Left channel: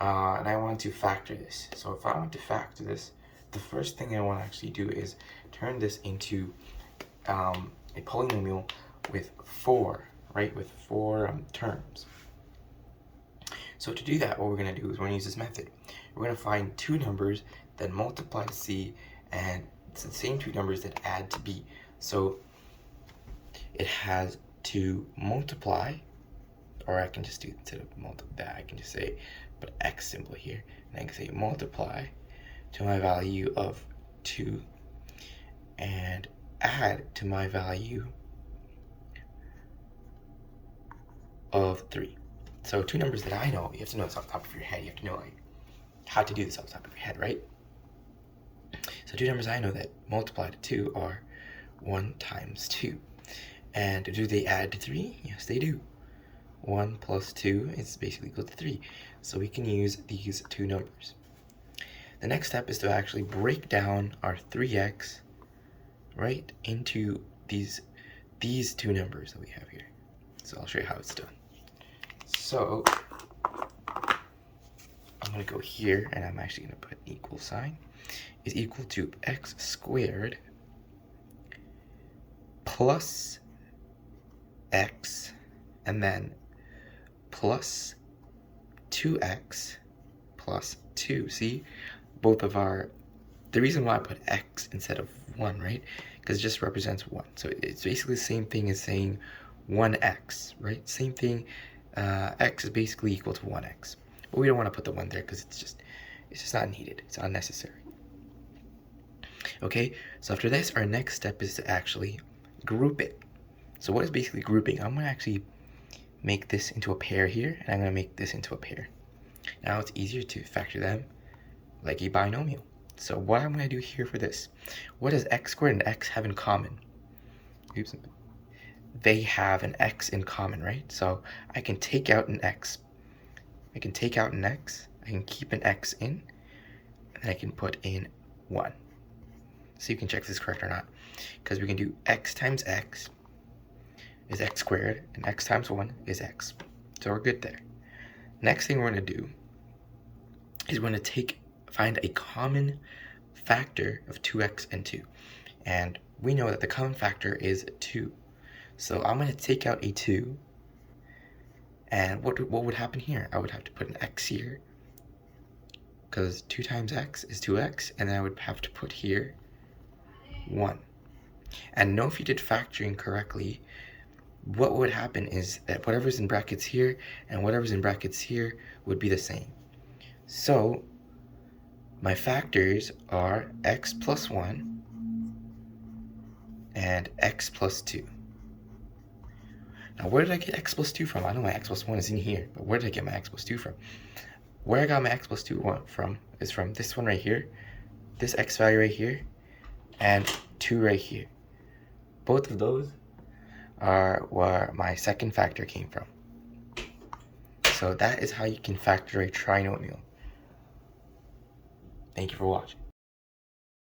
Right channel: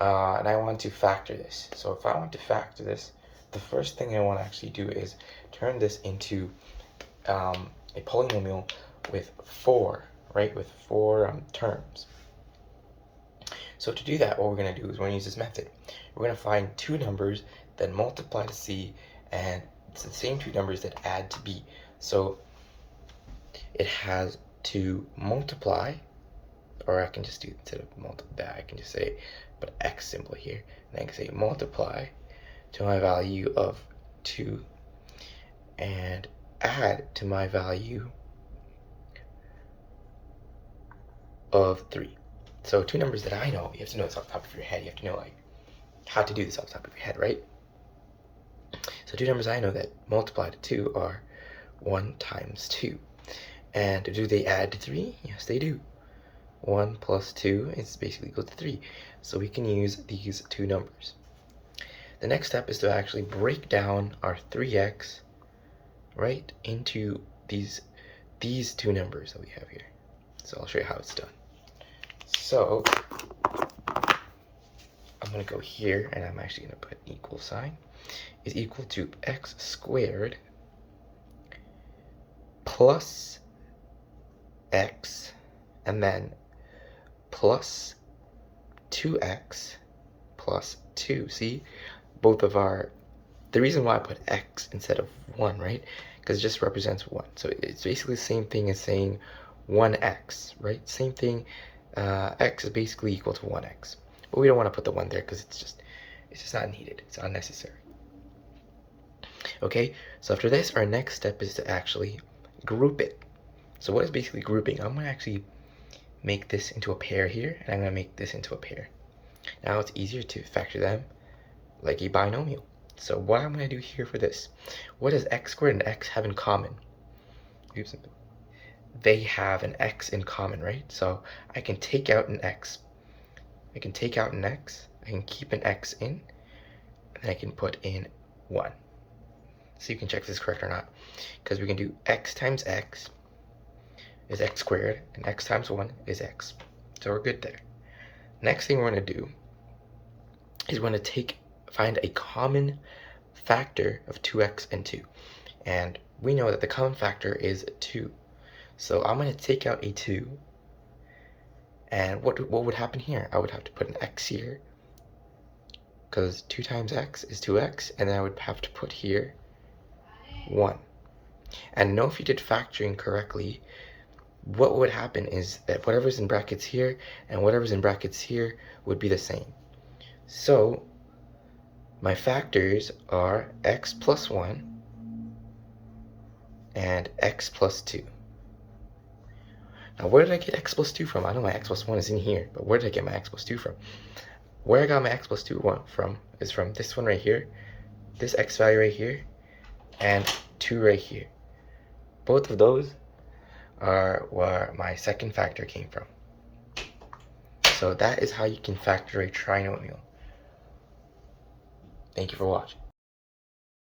and I want to factor this. So if I want to factor this, the first thing I want to actually do is turn this into a polynomial with 4, right? With 4 terms. So to do that, what we're going to do is we're going to use this method. We're going to find two numbers that multiply to C, and it's the same two numbers that add to B. So it has to multiply, or I can just do, instead of multiply, I can just say, put X symbol here, and I can say multiply to my value of 2 and add to my value of 3. So two numbers that I know, you have to know this off the top of your head. You have to know like how to do this off the top of your head, right? So two numbers I know that multiply to 2 are 1 times 2. And do they add to 3? Yes, they do. 1 plus 2 is basically equal to 3. So we can use these two numbers. The next step is to actually break down our 3x, right, into these two numbers that we have here. So I'll show you how it's done. So I'm going to go here, and I'm actually going to put an equal sign, is equal to x squared plus x, and then plus 2x plus 2. See, both of our, the reason why I put x instead of 1, right, because it just represents 1. So it's basically the same thing as saying 1x, right? Same thing. X is basically equal to 1x. But we don't want to put the 1 there because it's just not needed. It's unnecessary. Okay, so after this, our next step is to actually group it. So what is basically grouping? I'm going to actually make this into a pair here, and I'm going to make this into a pair. Now it's easier to factor them like a binomial. So what I'm going to do here for this, what does x squared and x have in common? Oops. They have an x in common, right? So I can take out an x. I can take out an x. I can keep an x in, and then I can put in 1. So you can check if this is correct or not. Because we can do x times x is x squared, and x times 1 is x. So we're good there. Next thing we're going to do is we're going to find a common factor of 2x and 2. And we know that the common factor is 2. So I'm going to take out a 2. And what would happen here? I would have to put an x here, because 2 times x is 2x, and then I would have to put here 1. And know if you did factoring correctly, what would happen is that whatever's in brackets here and whatever's in brackets here would be the same. So my factors are x plus 1 and x plus 2. Now, where did I get x plus 2 from? I know my x plus 1 is in here, but where did I get my x plus 2 from? Where I got my x plus 2 from is from this one right here, this x value right here, and 2 right here. Both of those are where my second factor came from. So that is how you can factor a trinomial. Thank you for watching.